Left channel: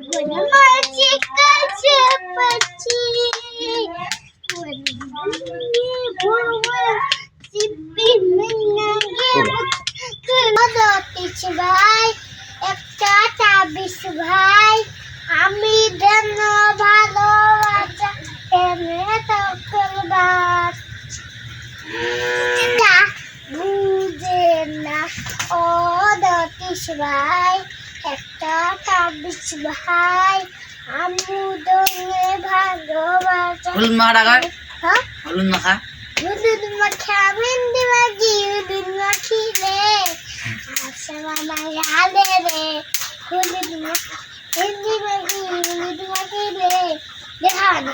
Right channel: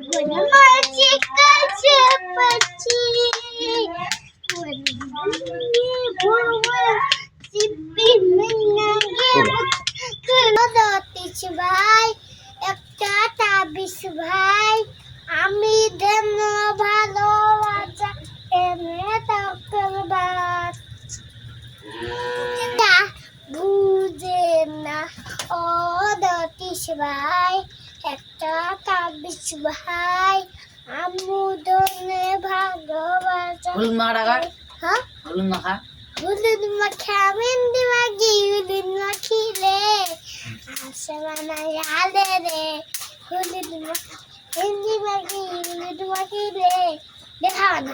মাছি কাছে পাচ্ছি ভাই একটা তাবিজ ভাই আমি দেন ভালোবাসা এনে তকল বাস বুঝে না ও দতিস ভাই একটা তাবিজ ভাই আমি দেনে ভালোবাসা হলুদ মাখা টাকা হ্যাঁ হলুদ মাখা হলুদ মাখা মেহেন্দি মাখি হলুদ মাখিলে আসমানা আলে রে হলুদ মাখা মেহেন্দি মাখি হলুদ মাখিলে দেখা না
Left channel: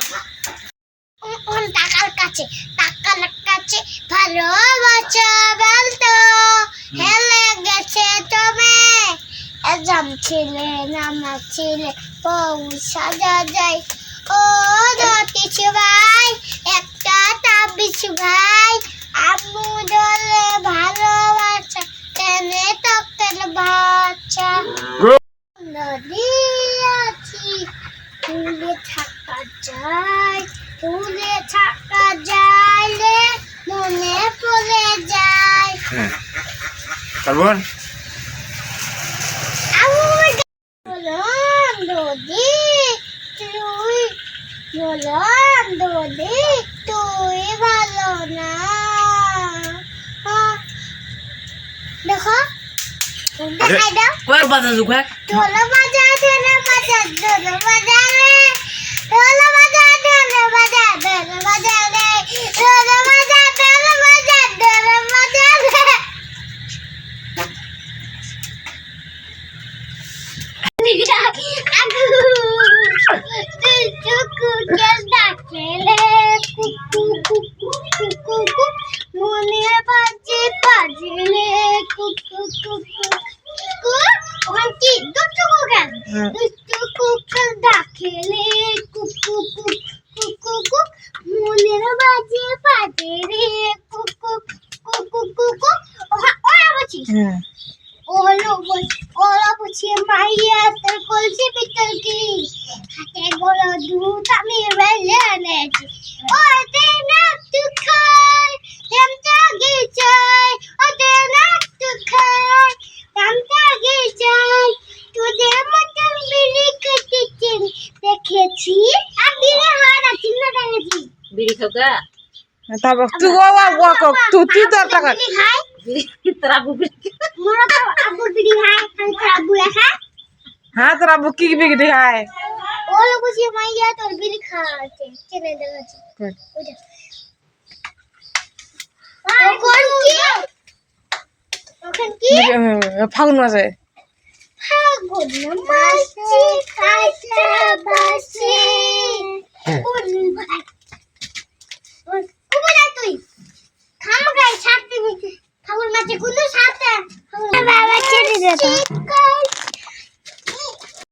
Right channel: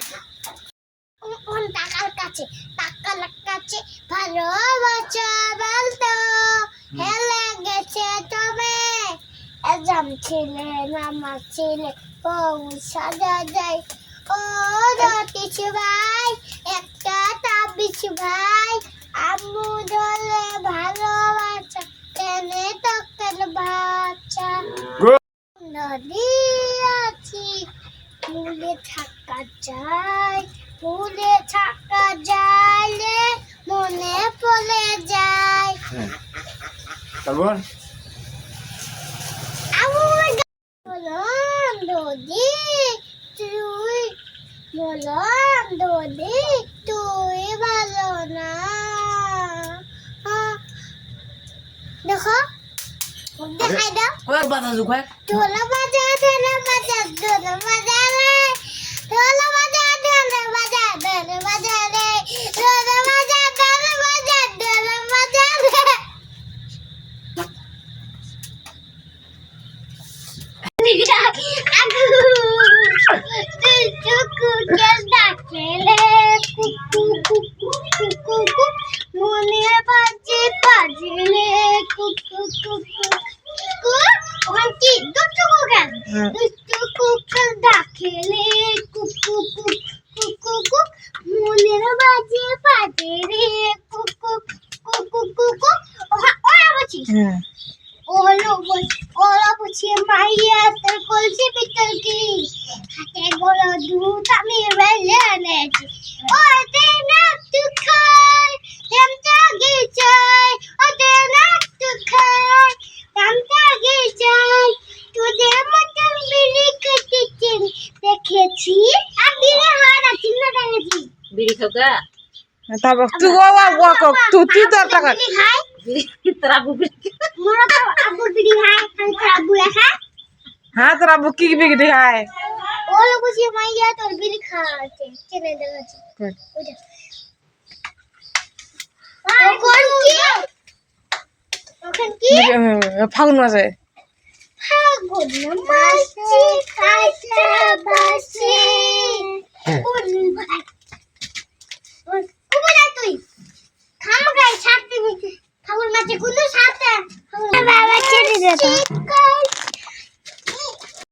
কোন টাকার কাছে ভালোবাসা বলতো হেলে গেছে তুমি এজাম ছিলে নামাজ ছিলে পৌঁছা যায় ও দতিস ভাই একটা তাবিজ ভাই আম্মু দলে ভালোবাসা টেনে তকেন বাচ্চা নদী আছি ফুলে থাকা যায় রে মনে পড়ে যায় তারপর তুই ভালো না দেখো দেখাই দাও কয় বাজা জুকা ঢোল বাজা রে ঢোল বাজা রে ঢোল বাজা রে মনে বাজে বাজলে কুকু কি দুষ্টু কুকুর ডাকেলে কুকু মনের বাজে বাজে রে কুকু ওরা বলছিস ওরা বুঝি মাইয়া তোর কলসি ভিতর কি হাতে বড় দুধ আমি বেলে এনেছি ওতে না তু খাই তেমটা গিয়েছাই ওতে না তু খাই তেমটা গিয়েছাই তোদের মতন বিড়ি কেটেছেন দেখেছি আর বিড়ি হয় না চিহ্ন দেখেছি বিড়ি খাওয়া তারপর তুই তুই তো টাকা খাই তোরা বুবি মোরা তো আবু বিড়ি খাই আবু লেখা হ্যাঁ তোর আব্বু কি বিক্রি খায় ও লোক বুঝি মাইয়া তোর বিড়ি খাওয়াছে চেনে দেখাচ্ছি ওইটা ওখান কি ফাগুন মাসে ফাগুন মাসে খাইতে বাসে কোন ভাই